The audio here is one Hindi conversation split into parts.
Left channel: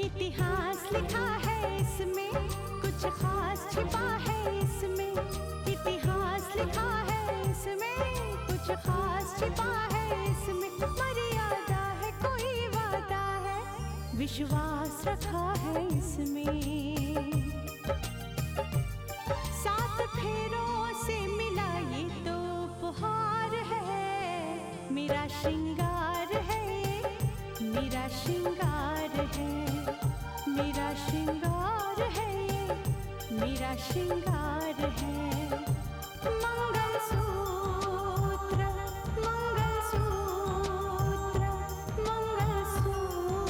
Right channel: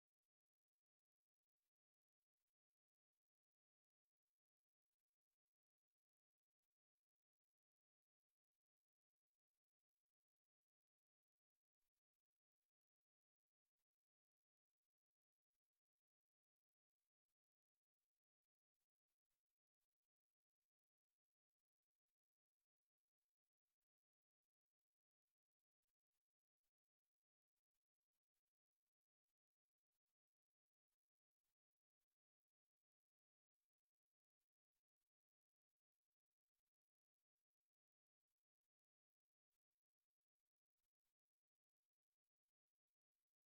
इतिहास लिखा है इसमें, कुछ खास छिपा है इसमें। इतिहास लिखा है इसमें, कुछ खास छिपा है इसमें। मर्यादा है, कोई वादा है, विश्वास रखा है इसमें। सात फेरों से मिला ये तो उपहार है, मेरा श्रृंगार है, मेरा श्रृंगार है, मेरा श्रृंगार है, मेरा श्रृंगार है। मंगलसूत्र, मंगलसूत्र, मंगलसूत्र,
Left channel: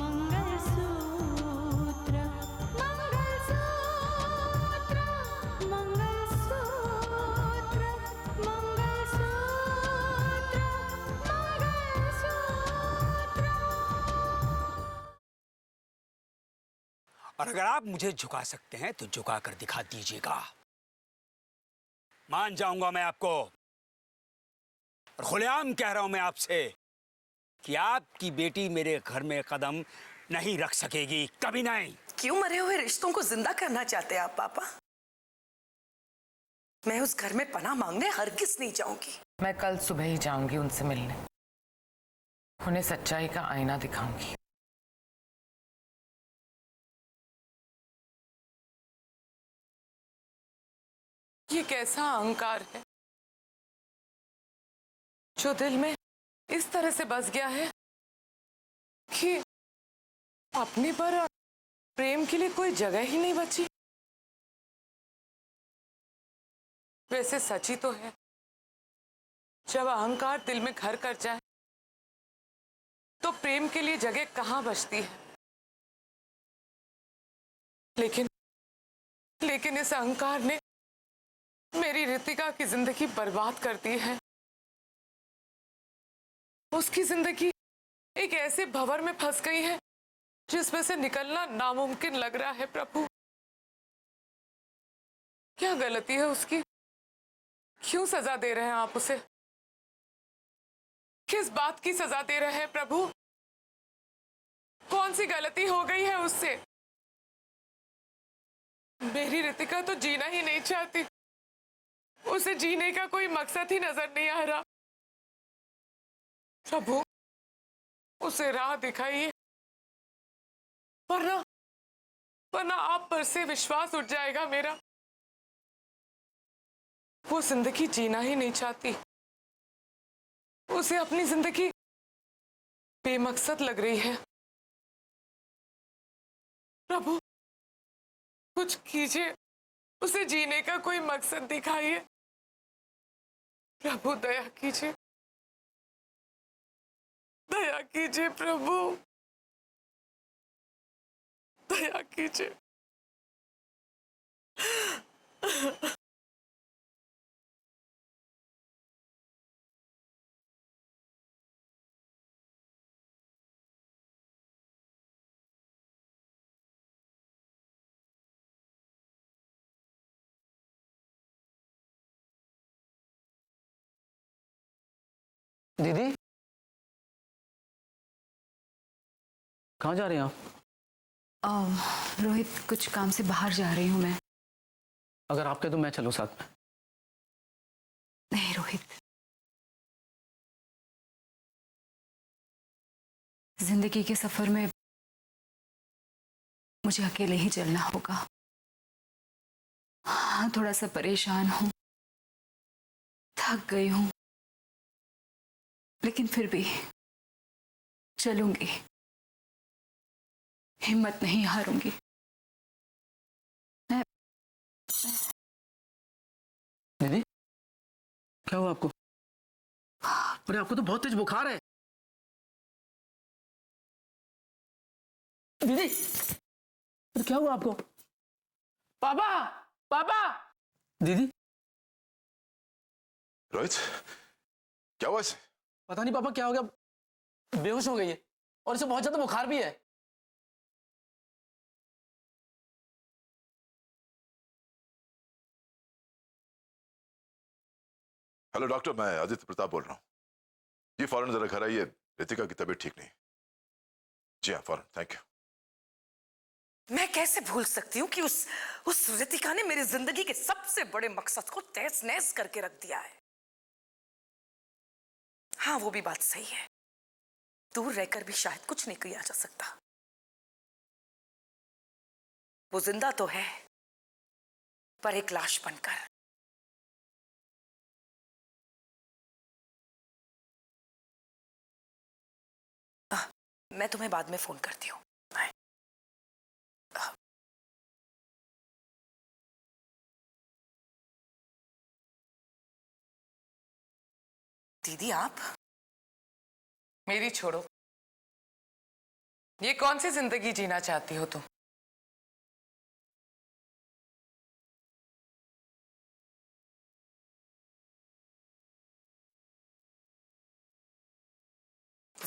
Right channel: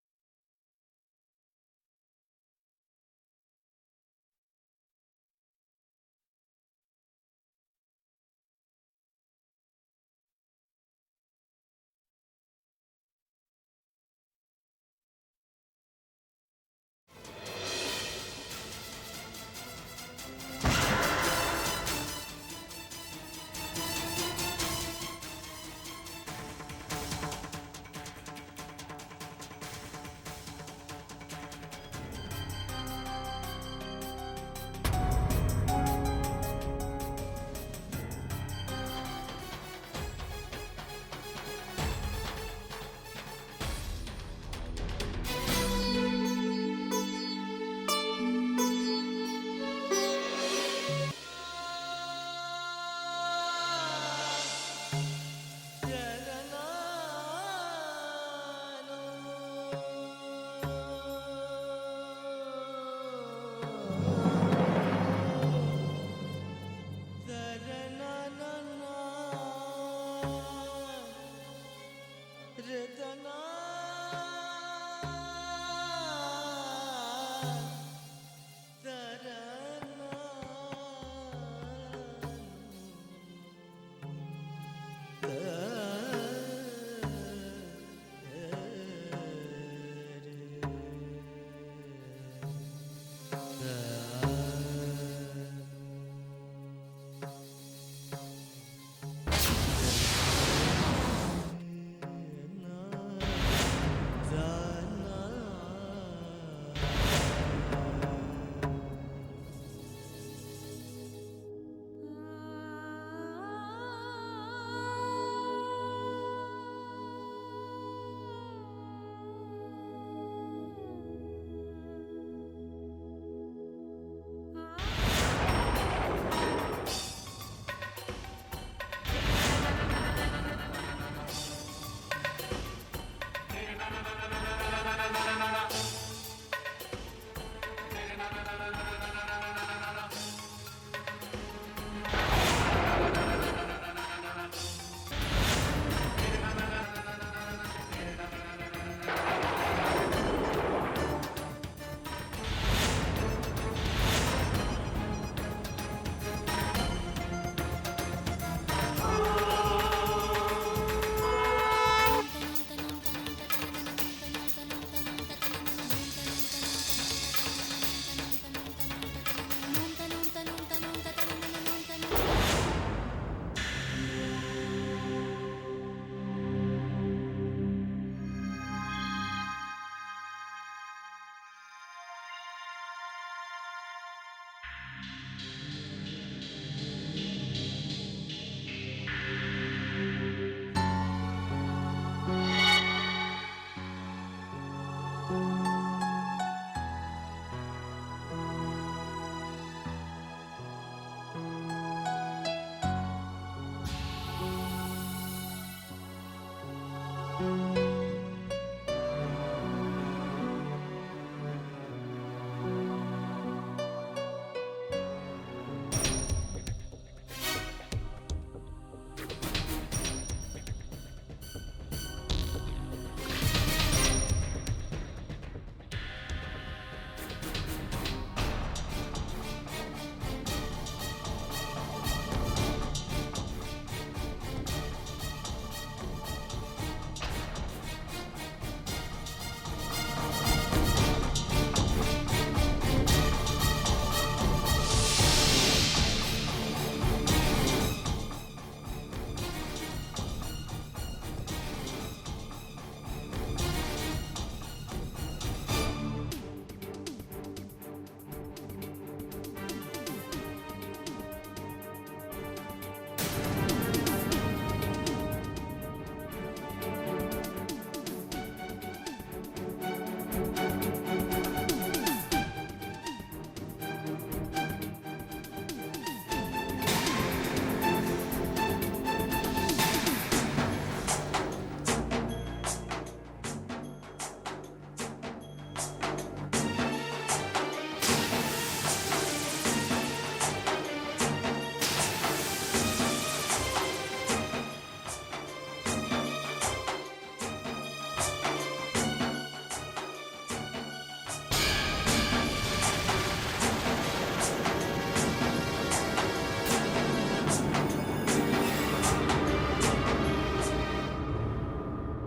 मंगलसूत्र, मंगलसूत्र, मंगलसूत्र, और अगर आप मुझे झुका सकते हैं तो झुका कर दिखा दीजिएगा। मान जाऊंगा मैं आपको। और खुलेआम कह रहा हूं मैं आपसे कि आपकी बेटी मेरे घर में कदम नहीं रख सकेगी, कभी नहीं। क्यों मरे हुए रिश्तों को जिंदा करना चाहते हैं आप पापा? मैं उस घर में पनाह मांगने हरगिज़ नहीं जाऊंगी। मैं कल सुबह ही जाऊंगी उनसे मिलने, उन्हें सच्चाई का आईना दिखाऊंगी। ये कैसा अहंकार है जो दिल में इस तरह से बस गया है कि अपने पर प्रेम के लिए कोई जगह ही नहीं बची। वैसे सच ही तो है, जब अहंकार दिल में घर कर जाए तो प्रेम के लिए जगह कहां बचती है। लेकिन इस अहंकार ने मेरी रितिका की जिंदगी बर्बाद कर दी है। उसकी जिंदगी एक ऐसे भंवर में फंस गई है जिसमें से निकलना नामुमकिन लग रहा है। प्रभु, क्या गलती है उसकी? क्यों सजा दे रहे हैं आप उसे? किस बात की सजा दे रहे हैं प्रभु? कौन सी गलती हो गई है उससे? मेरी रितिका तो जीना ही नहीं चाहती, उसे जीने का कोई मकसद ही नजर नहीं आ रहा। प्रभु, उसे राह दिखाइए, वरना आप पर से विश्वास उठ जाएगा मेरा। वो जिंदगी जीना ही नहीं चाहती, उसे अपनी जिंदगी बेमकसद लग रही है। प्रभु, कुछ कीजिए, उसे जीने का कोई मकसद दिखाइए। प्रभु, दया कीजिए, दया कीजिए प्रभु, दया कीजिए। दीदी, कहाँ जा रही हैं आप? रोहित, कुछ काम से बाहर जा रही हूँ मैं। अगर आप कहे तो मैं चलूं साथ में। नहीं रोहित, जिंदगी के सफर में मुझे अकेले ही चलना होगा। हाँ, थोड़ा सा परेशान हूँ, थक गई हूँ, लेकिन फिर भी चलूंगी, हिम्मत नहीं हारूंगी। दीदी, क्या हुआ आपको? अरे आपको तो बहुत तेज बुखार है। दीदी, अरे क्या हुआ आपको? पापा, पापा। दीदी, रोहित, क्या हुआ इसे? पता नहीं पापा क्या हो गया, बेहोश हो गई है और इसे बहुत ज्यादा बुखार भी है। हेलो डॉक्टर, मैं अजित प्रताप बोल रहा हूँ। ये फौरन जरा घर आइए, रितिका की तबीयत ठीक नहीं। जी हाँ फौरन, थैंक यू। मैं कैसे भूल सकती हूँ कि उस रितिका ने मेरी जिंदगी के सबसे बड़े मकसद को तहस नहस करके रख दिया है। हाँ, वो भी बात सही है, दूर रहकर भी शायद कुछ नहीं किया जा सकता। वो जिंदा तो है, पर एक लाश बनकर। मैं तुम्हें बाद में फोन करती हूँ। दीदी आप? मेरी छोड़ो, ये कौन सी जिंदगी जीना चाहती हो तुम?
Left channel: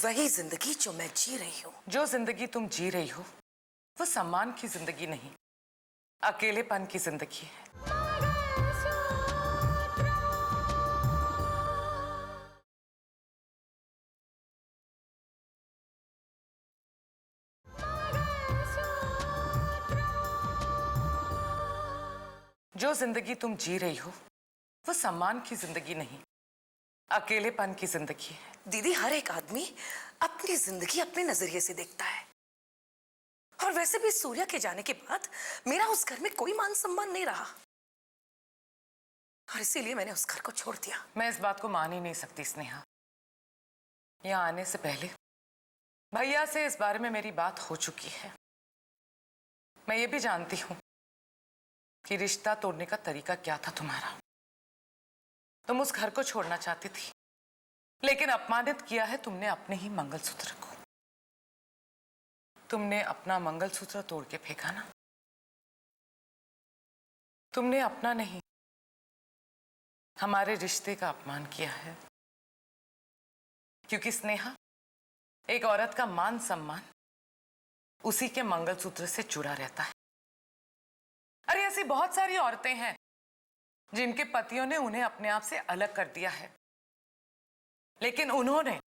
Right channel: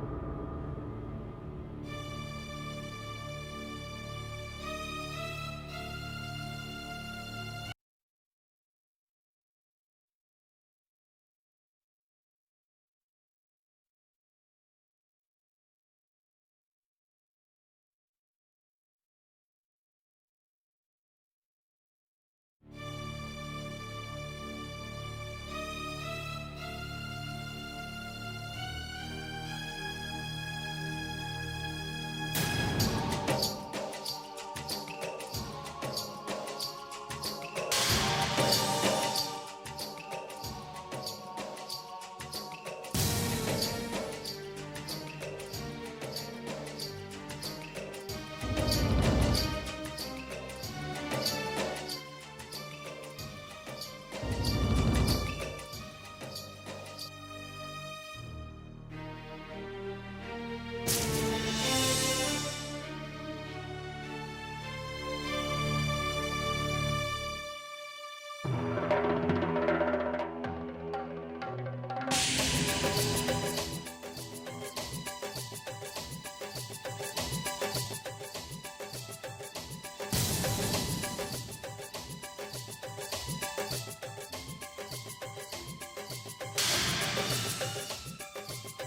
वही जिंदगी जो मैं जी रही हूँ। जो जिंदगी तुम जी रही हो वो सम्मान की जिंदगी नहीं, अकेलेपन की जिंदगी है। जो जिंदगी तुम जी रही हो वो सम्मान की जिंदगी नहीं, अकेलेपन की जिंदगी है। दीदी, हर एक आदमी अपनी जिंदगी अपने नजरिए से देखता है, और वैसे भी सूर्या के जाने के बाद मेरा उस घर में कोई मान सम्मान नहीं रहा, और इसीलिए मैंने उस घर को छोड़ दिया। मैं इस बात को मान ही नहीं सकती स्नेहा। यहाँ आने से पहले भैया से इस बारे में मेरी बात हो चुकी है। मैं ये भी जानती हूँ कि रिश्ता तोड़ने का तरीका क्या था तुम्हारा। तुम उस घर को छोड़ना चाहती थी, लेकिन अपमानित किया है तुमने अपने ही मंगलसूत्र को। तुमने अपना मंगलसूत्र तोड़ के फेंका ना। तुमने अपना नहीं, हमारे रिश्ते का अपमान किया है। क्योंकि स्नेहा, एक औरत का मान सम्मान उसी के मंगलसूत्र से जुड़ा रहता है। अरे ऐसी बहुत सारी औरतें हैं जिनके पतियों ने उन्हें अपने आप से अलग कर दिया है, लेकिन उन्होंने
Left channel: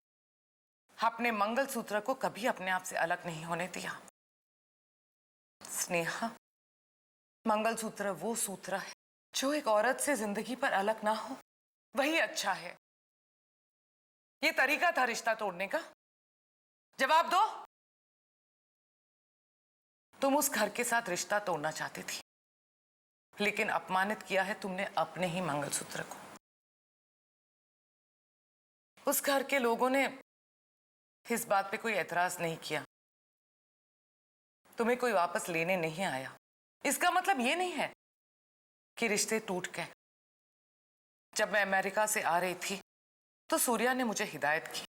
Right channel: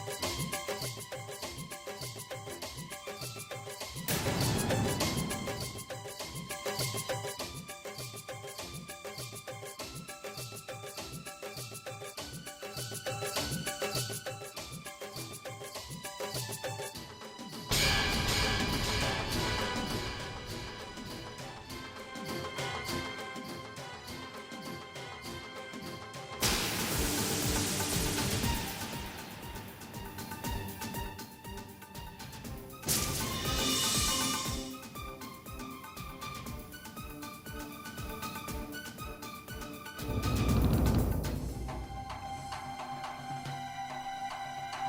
अपने मंगलसूत्र को कभी अपने आप से अलग नहीं होने दिया। स्नेहा, मंगलसूत्र वो सूत्र है जो एक औरत से जिंदगी पर अलग ना हो, वही अच्छा है। ये तरीका था रिश्ता तोड़ने का। जवाब दो। तुम उस घर के साथ रिश्ता तोड़ना चाहती थी, लेकिन अपमानित किया है तुमने अपने ही मंगलसूत्र को। उस घर के लोगों ने इस बात पे कोई एतराज नहीं किया। तुम्हें कोई वापस लेने नहीं आया। इसका मतलब ये नहीं है कि रिश्ते टूट गए। जब मैं अमेरिका से आ रही थी तो सूर्या ने मुझे हिदायत की।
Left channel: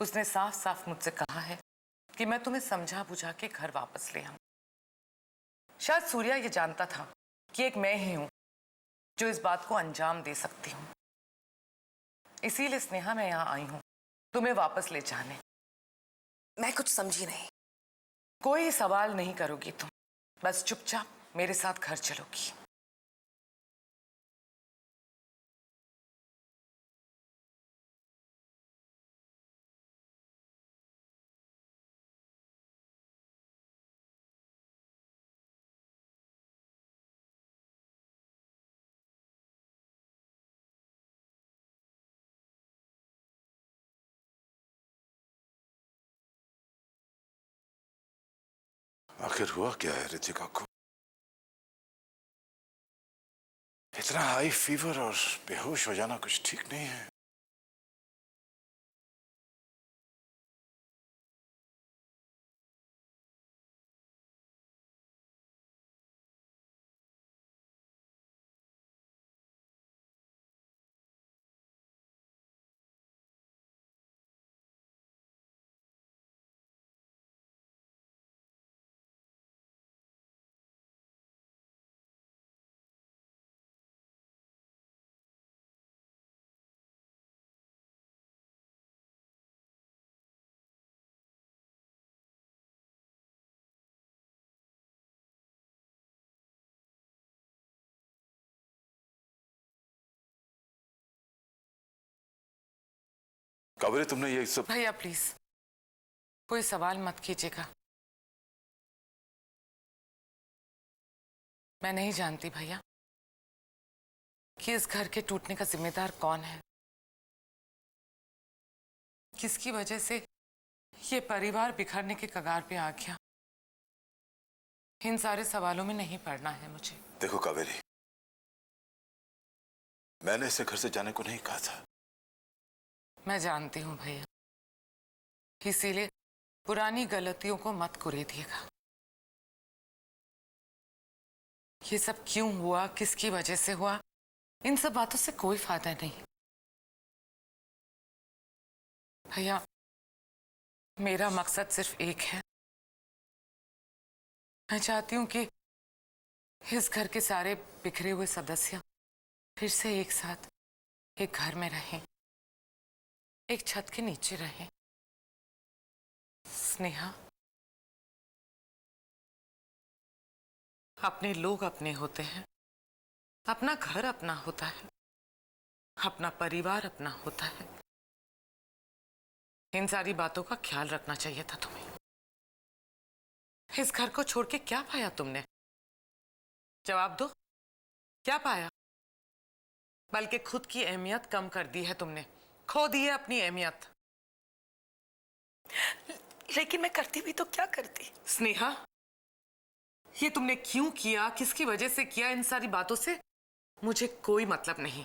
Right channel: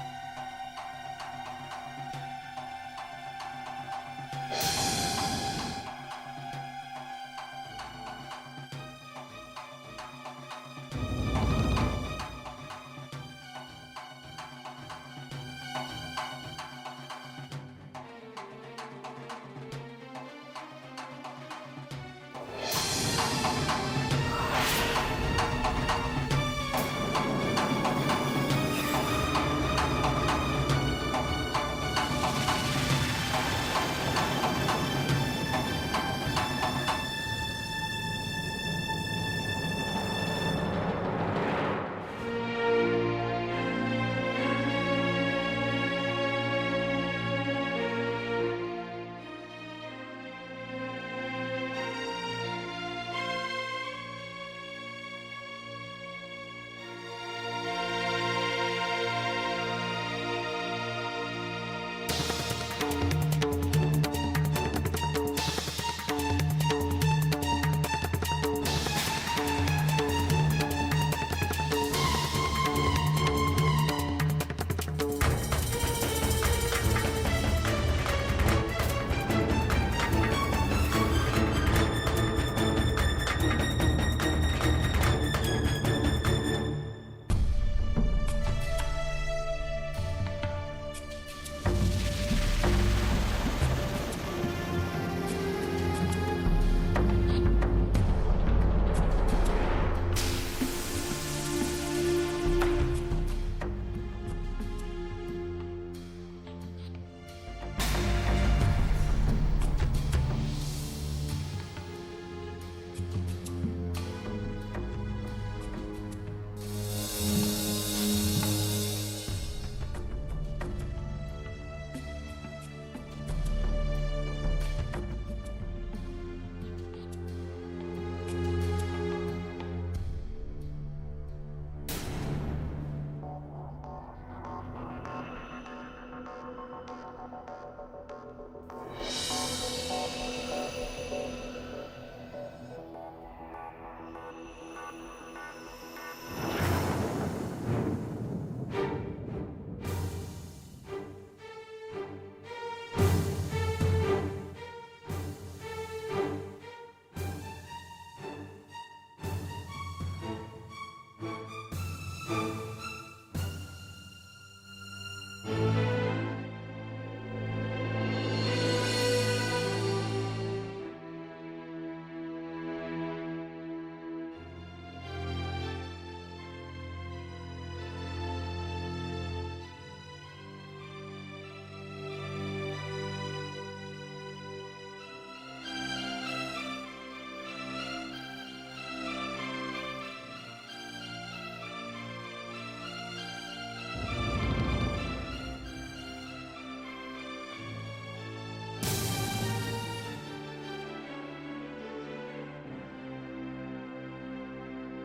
उसने साफ साफ मुझसे कहा है कि मैं तुम्हें समझा बुझा के घर वापस ले आऊं। शायद सूर्या ये जानता था कि एक मैं ही हूं जो इस बात को अंजाम दे सकती हूँ। इसीलिए स्नेहा, मैं यहाँ आई हूँ तुम्हें वापस ले जाने। मैं कुछ समझी नहीं। कोई सवाल नहीं करोगी तुम, बस चुपचाप मेरे साथ घर चलोगी। आखिर हुआ क्या है रितिका को? इतना हाई फीवर और बेहोश हो जाना कुछ ठीक नहीं है। कावेरी, तुमने ये सब भैया प्लीज, कोई सवाल मत कीजिएगा। मैं नहीं जानती भैया कि इस घर के टूटने का जिम्मेदार कौन है, किसकी वजह से ये परिवार बिखरने के कगार पे आ गया। इन सारे सवालों में नहीं पड़ना है मुझे। देखो कावेरी, मैंने इसे घर से जाने को नहीं कहा था। मैं जानती हूँ भैया, इसीलिए पुरानी गलतियों को मत कुरेदिएगा। ये सब क्यों हुआ, किसकी वजह से हुआ, इन सब बातों से कोई फायदा नहीं। भैया, मेरा मकसद सिर्फ एक है। मैं चाहती हूँ कि इस घर के सारे बिखरे हुए सदस्य फिर से एक साथ एक घर में रहें, एक छत के नीचे रहें। स्नेहा, अपने लोग अपने होते हैं, अपना घर अपना होता है, अपना परिवार अपना होता है। इन सारी बातों का ख्याल रखना चाहिए था तुम्हें। इस घर को छोड़ के क्या पाया तुमने? जवाब दो, क्या पाया? बल्कि खुद की अहमियत कम कर दी है तुमने, खो दी है अपनी अहमियत। लेकिन मैं करती भी तो क्या करती? स्नेहा, ये तुमने क्यों किया, किसकी वजह से किया, इन सारी बातों से मुझे कोई मतलब नहीं।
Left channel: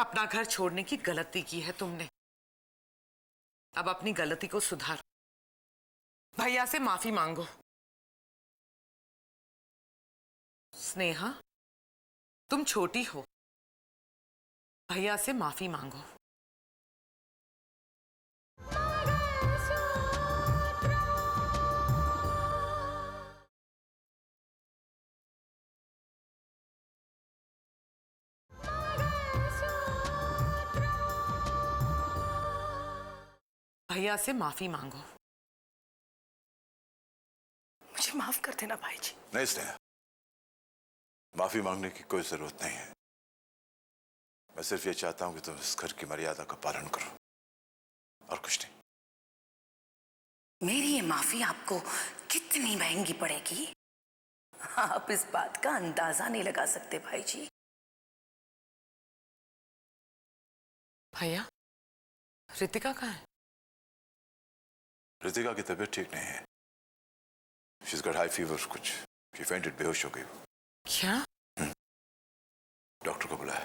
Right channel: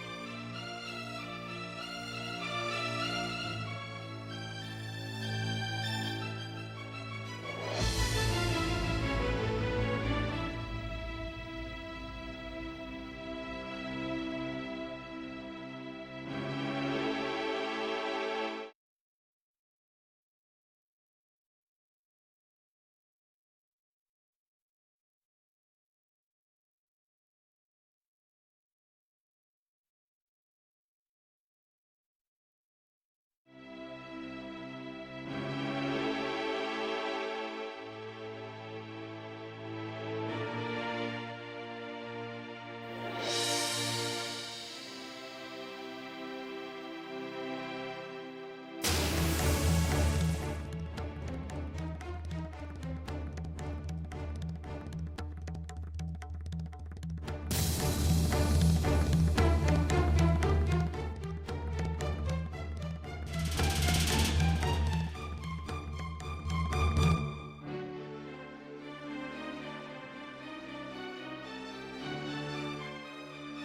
अपना घर छोड़ने की गलती की है तुमने, अब अपनी गलती को सुधारो। भैया से माफी मांगो। स्नेहा, तुम छोटी हो, भैया से माफी मांगो। भैया से माफी मांगो। मुझे माफ कर देना भाई जी। नहीं स्नेहा, माफी मांगने की कोई जरूरत नहीं है। मैं सिर्फ ये चाहता हूं कि तुम इस घर की मर्यादा का पालन करो, और कुछ नहीं। मेरी ये माफी आपको कितनी महंगी पड़ेगी, आप इस बात का अंदाजा नहीं लगा सकते भाई जी। भैया, रितिका कहाँ है? रितिका की तबीयत ठीक नहीं है। She's got high fever, कुछ she fainted, बेहोश हो गई। क्या? डॉक्टर को बुलाया।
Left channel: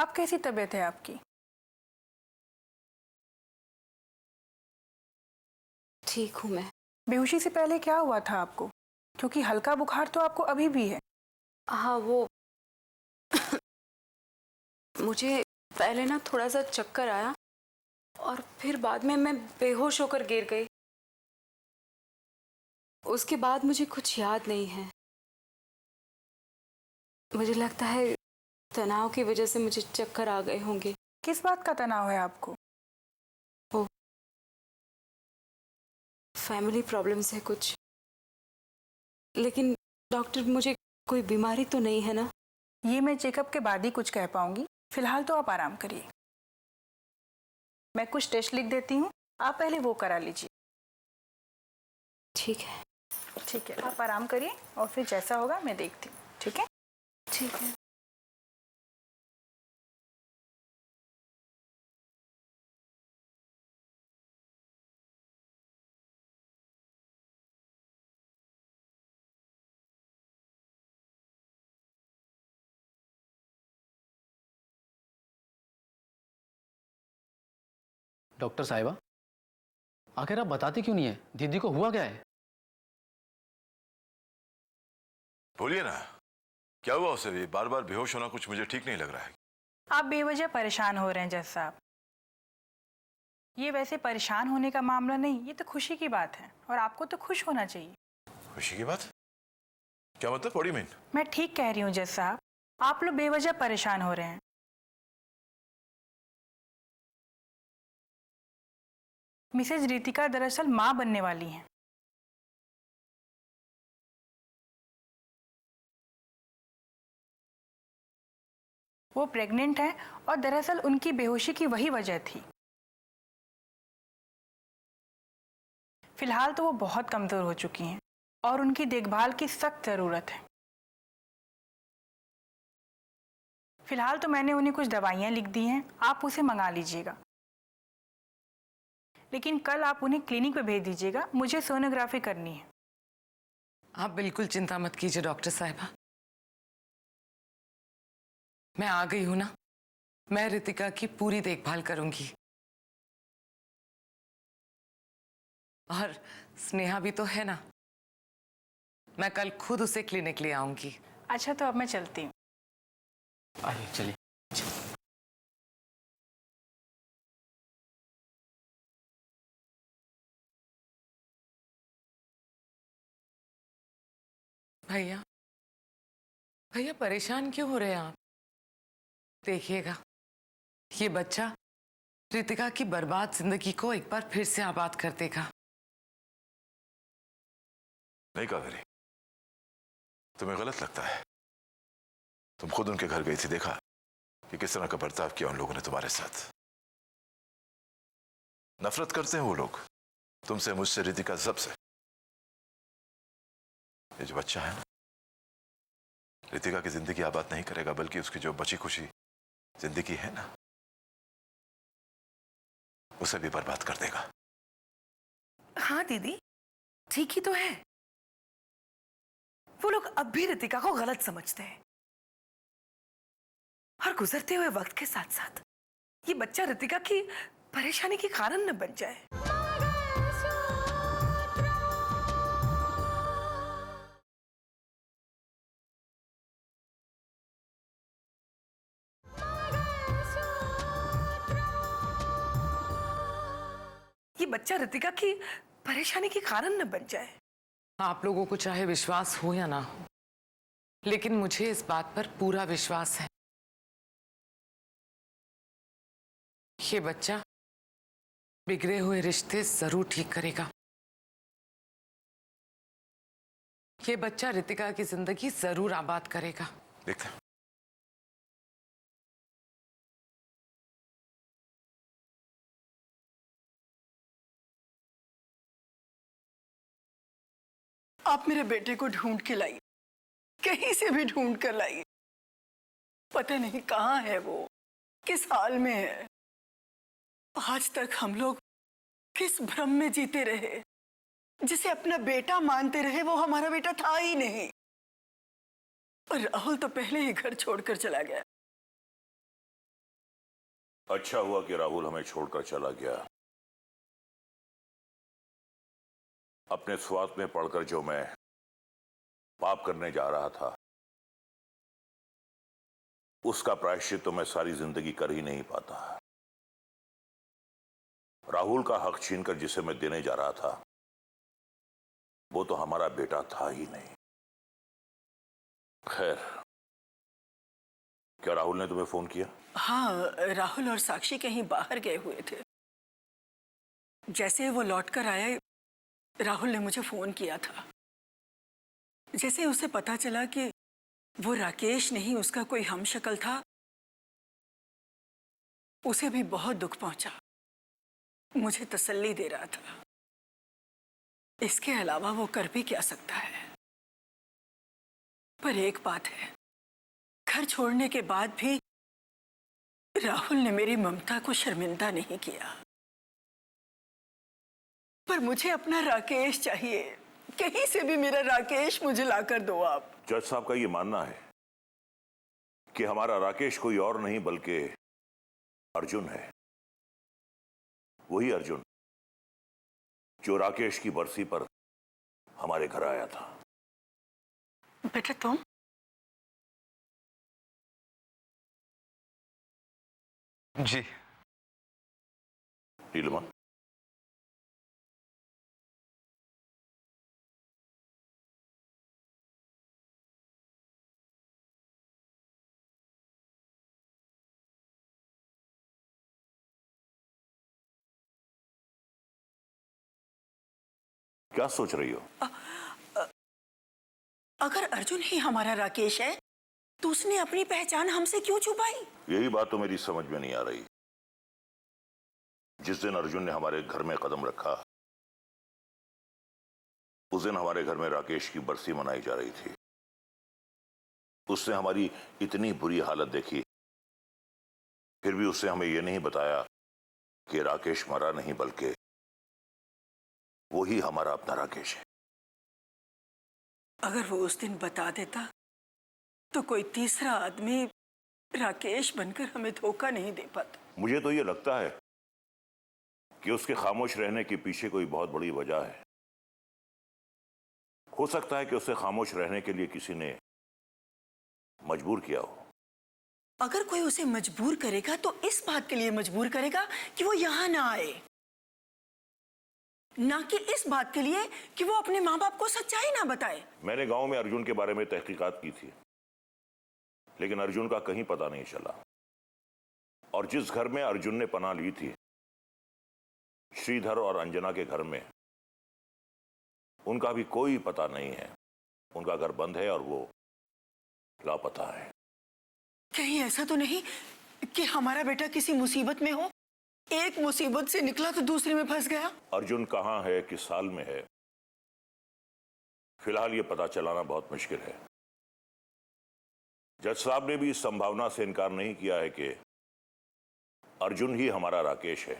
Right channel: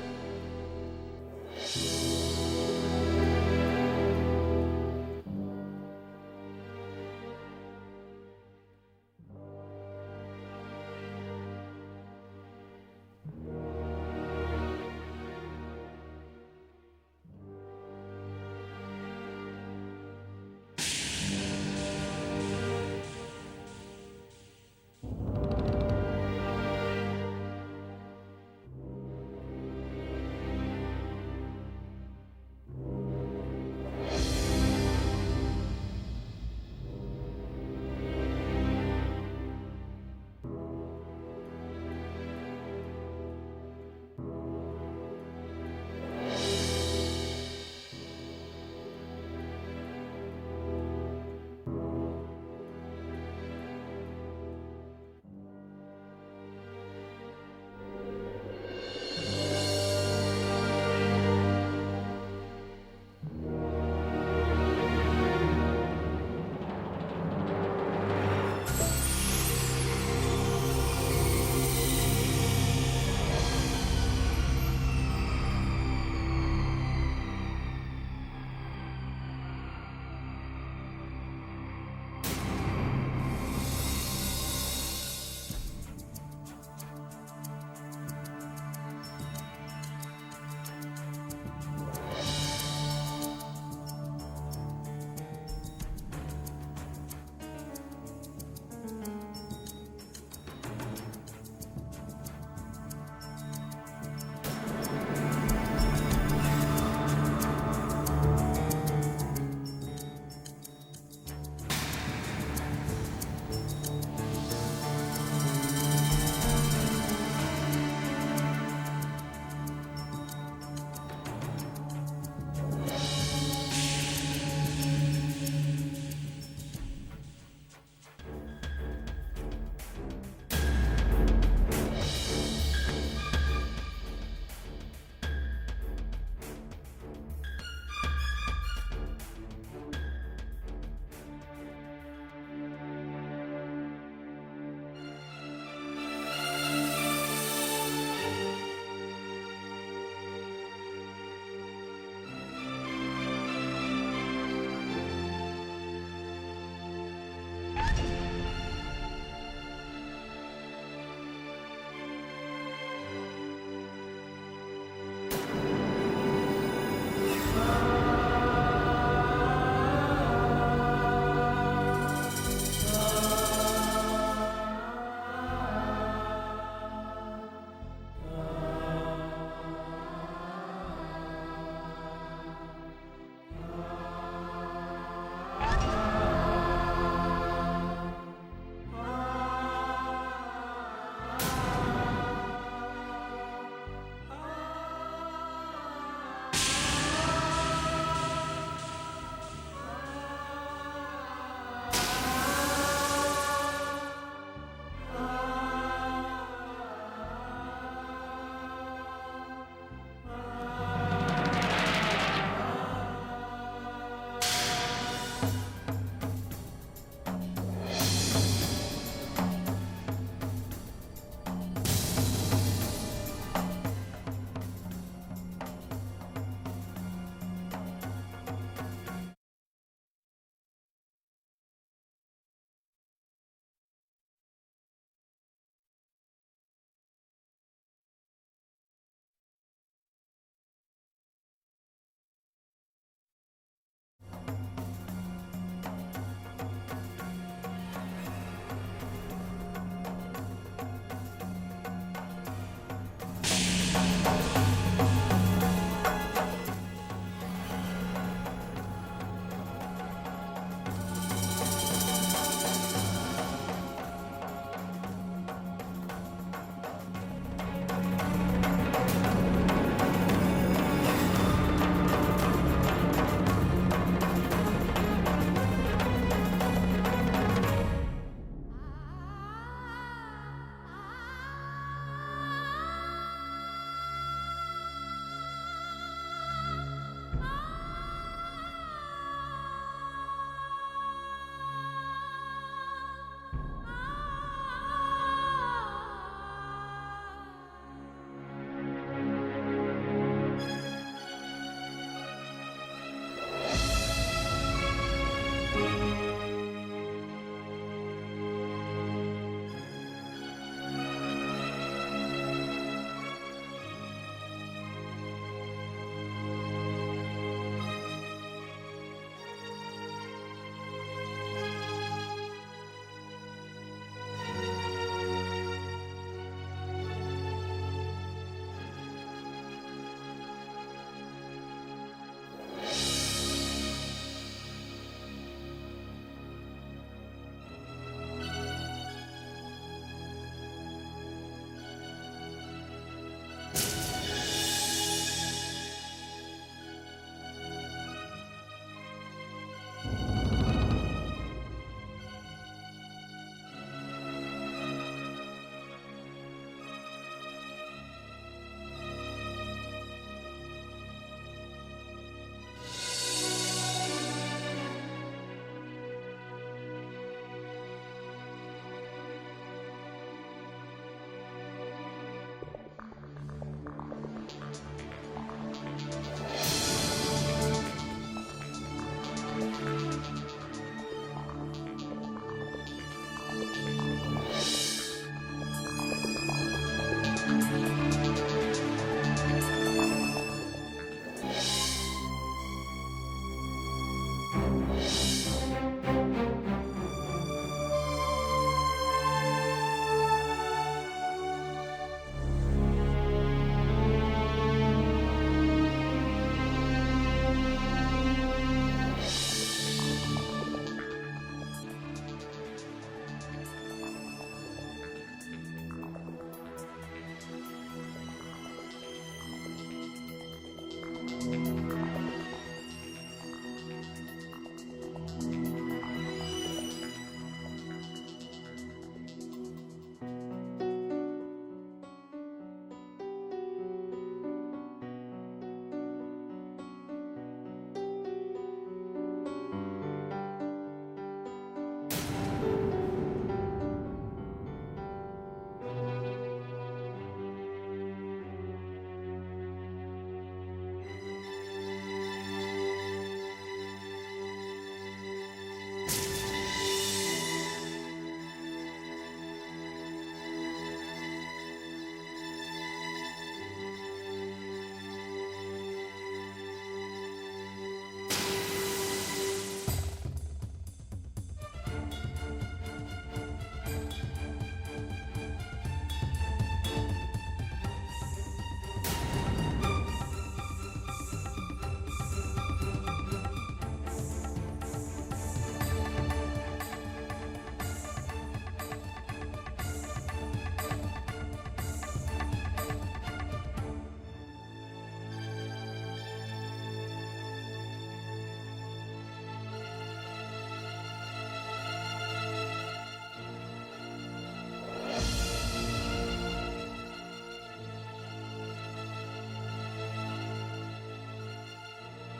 अब कैसी तबीयत है आपकी? ठीक हूँ मैं। बेहोशी से पहले क्या हुआ था आपको? क्योंकि हल्का बुखार तो आपको अभी भी है। हाँ, वो मुझे पहले ना थोड़ा सा चक्कर आया और फिर बाद में मैं बेहोश होकर गिर गई। उसके बाद मुझे कुछ याद नहीं है। मुझे लगता है तनाव की वजह से मुझे चक्कर आ गए होंगे। किस बात का तनाव है आपको? वो फैमिली प्रॉब्लम्स है कुछ। लेकिन डॉक्टर, मुझे कोई बीमारी तो नहीं है ना? ये मैं चेकअप के बाद ही कुछ कह पाऊंगी। फिलहाल तो आप आराम करिए। मैं कुछ टेस्ट लिख देती हूँ, आप पहले वो करा लीजिए। ठीक है। ठीक है, आप आराम करिए और फिर जैसा होगा मैं देखती हूँ। ठीक है? ठीक है। डॉक्टर साहिबा, आखिर आप बताती क्यों नहीं है? दीदी को हुआ क्या है? बोलिए ना, क्या हुआ उसे? भी बार बार बेहोश होना कुछ मुझे ठीक नहीं लग रहा है। आप बेवजह परेशान हो रहे हैं जज साहब। ये वैसे परेशान होने का मामला नहीं, ये तो खुशी की बात है और आपको तो खुश होना चाहिए। खुशी की बात? क्या मतलब? बड़ी में मैं ठीक कह रही हूँ जज साहब, आप लोग बेवजह परेशान हो रहे हैं। मिसेज रितिका दरअसल माँ बनने वाली हैं। वो प्रेग्नेंट है और दरअसल उनकी बेहोशी की वही वजह थी। फिलहाल तो वो बहुत कमजोर हो चुकी हैं और उनकी देखभाल की सख्त जरूरत है। फिलहाल तो मैंने उन्हें कुछ दवाइयाँ लिख दी हैं, आप उसे मंगा लीजिएगा। लेकिन कल आप उन्हें क्लिनिक पे भेज दीजिएगा, मुझे सोनोग्राफी करनी है। आप बिल्कुल चिंता मत कीजिए डॉक्टर साहिबा, मैं आ गई हूं ना, मैं रितिका की पूरी देखभाल करूंगी। और स्नेहा भी तो है ना, मैं कल खुद उसे क्लिनिक ले आऊंगी। अच्छा तो अब मैं चलती हूँ। आइए चलिए। भैया भैया परेशान क्यों हो रहे हैं आप? देखिएगा ये बच्चा रितिका की बर्बाद जिंदगी को एक बार फिर से आबाद कर देगा। नहीं कावेरी, तुम्हें गलत लगता है। तुम खुद उनके घर गई थी, देखा कि किस तरह का बर्ताव किया उन लोगों ने तुम्हारे साथ। नफरत करते हैं वो लोग तुमसे, मुझसे, रितिका, सबसे। ये जो बच्चा है ना, रितिका की जिंदगी आबाद नहीं करेगा, बल्कि उसकी जो बची खुशी जिंदगी है ना, उसे भी बर्बाद कर देगा। हाँ दीदी, ठीक ही तो है। वो लोग अब भी रितिका को गलत समझते हैं और गुजरते हुए वक्त के साथ साथ ये बच्चा रितिका की परेशानी के कारण न बन जाए। ये बच्चा रितिका की परेशानी के कारण न बन जाए। आप लोगों को चाहे विश्वास हो या ना हो, लेकिन मुझे इस बात पर पूरा विश्वास है, ये बच्चा बिगड़े हुए रिश्ते जरूर ठीक करेगा। ये बच्चा रितिका की जिंदगी जरूर आबाद करेगा। देखते हैं। आप मेरे बेटे को ढूंढ के लाई, कहीं से भी ढूंढ कर लाई। पता नहीं कहाँ है वो, किस हाल में है। आज तक हम लोग किस भ्रम में जीते रहे, जिसे अपना बेटा मानते रहे वो हमारा बेटा था ही नहीं। और राहुल तो पहले ही घर छोड़कर चला गया। अच्छा हुआ कि राहुल हमें छोड़कर चला गया। अपने स्वार्थ में पड़कर जो मैं पाप करने जा रहा था, उसका प्रायश्चित तो मैं सारी जिंदगी कर ही नहीं पाता। राहुल का हक छीनकर जिसे मैं देने जा रहा था, वो तो हमारा बेटा था ही नहीं। खैर, क्या राहुल ने तुम्हें फोन किया? हाँ, राहुल और साक्षी कहीं बाहर गए हुए थे। जैसे वो लौटकर आए, राहुल ने मुझे फोन किया था। जैसे उसे पता चला कि वो राकेश नहीं, उसका कोई हमशक्ल था, उसे भी बहुत दुख पहुंचा। मुझे तसल्ली दे रहा था। इसके अलावा वो कर भी क्या सकता है। पर एक बात है, घर छोड़ने के बाद भी राहुल ने मेरी ममता को शर्मिंदा नहीं किया। पर मुझे अपना राकेश चाहिए। कहीं से भी मेरा राकेश मुझे लाकर दो आप। जज साहब का ये मानना है कि हमारा राकेश कोई और नहीं बल्कि अर्जुन है। वही अर्जुन जो राकेश की बरसी पर हमारे घर आया था। बेटा तुम? जी। नीलिमा, क्या सोच रही हो? अगर अर्जुन ही हमारा राकेश है तो उसने अपनी पहचान हमसे क्यों छुपाई? यही बात तो मेरी समझ में नहीं आ रही। जिस दिन अर्जुन ने हमारे घर में कदम रखा, उस दिन हमारे घर में राकेश की बरसी मनाई जा रही थी। उसने हमारी इतनी बुरी हालत देखी, फिर भी उसने हमें यह नहीं बताया कि राकेश मरा नहीं बल्कि वो ही हमारा अपना राकेश है। अगर वो उस दिन बता देता तो कोई तीसरा आदमी राकेश बनकर हमें धोखा नहीं दे पाता। मुझे तो ये लगता है कि उसके खामोश रहने के पीछे कोई बहुत बड़ी वजह है। हो सकता है कि उसे खामोश रहने के लिए किसी ने मजबूर किया हो। अगर कोई उसे मजबूर करेगा तो इस बात के लिए मजबूर करेगा कि वो यहाँ ना आए, ना कि इस बात के लिए कि वो अपने माँ बाप को सच्चाई ना बताए। मैंने गांव में अर्जुन के बारे में तहकीकात की थी, लेकिन अर्जुन का कहीं पता नहीं चला। और जिस घर में अर्जुन ने पनाह ली थी, श्रीधर और अंजना के घर में, उनका भी कोई पता नहीं है। उनका घर बंद है और वो लापता है। कहीं ऐसा तो नहीं कि हमारा बेटा किसी मुसीबत में हो, एक मुसीबत से निकला तो दूसरे में फंस गया? अर्जुन कहाँ है, किस साल में है, फिलहाल ये पता चलाना बहुत मुश्किल है। जज साहब ने भी इस संभावना से इनकार नहीं किया है कि अर्जुन ही हमारा राकेश है।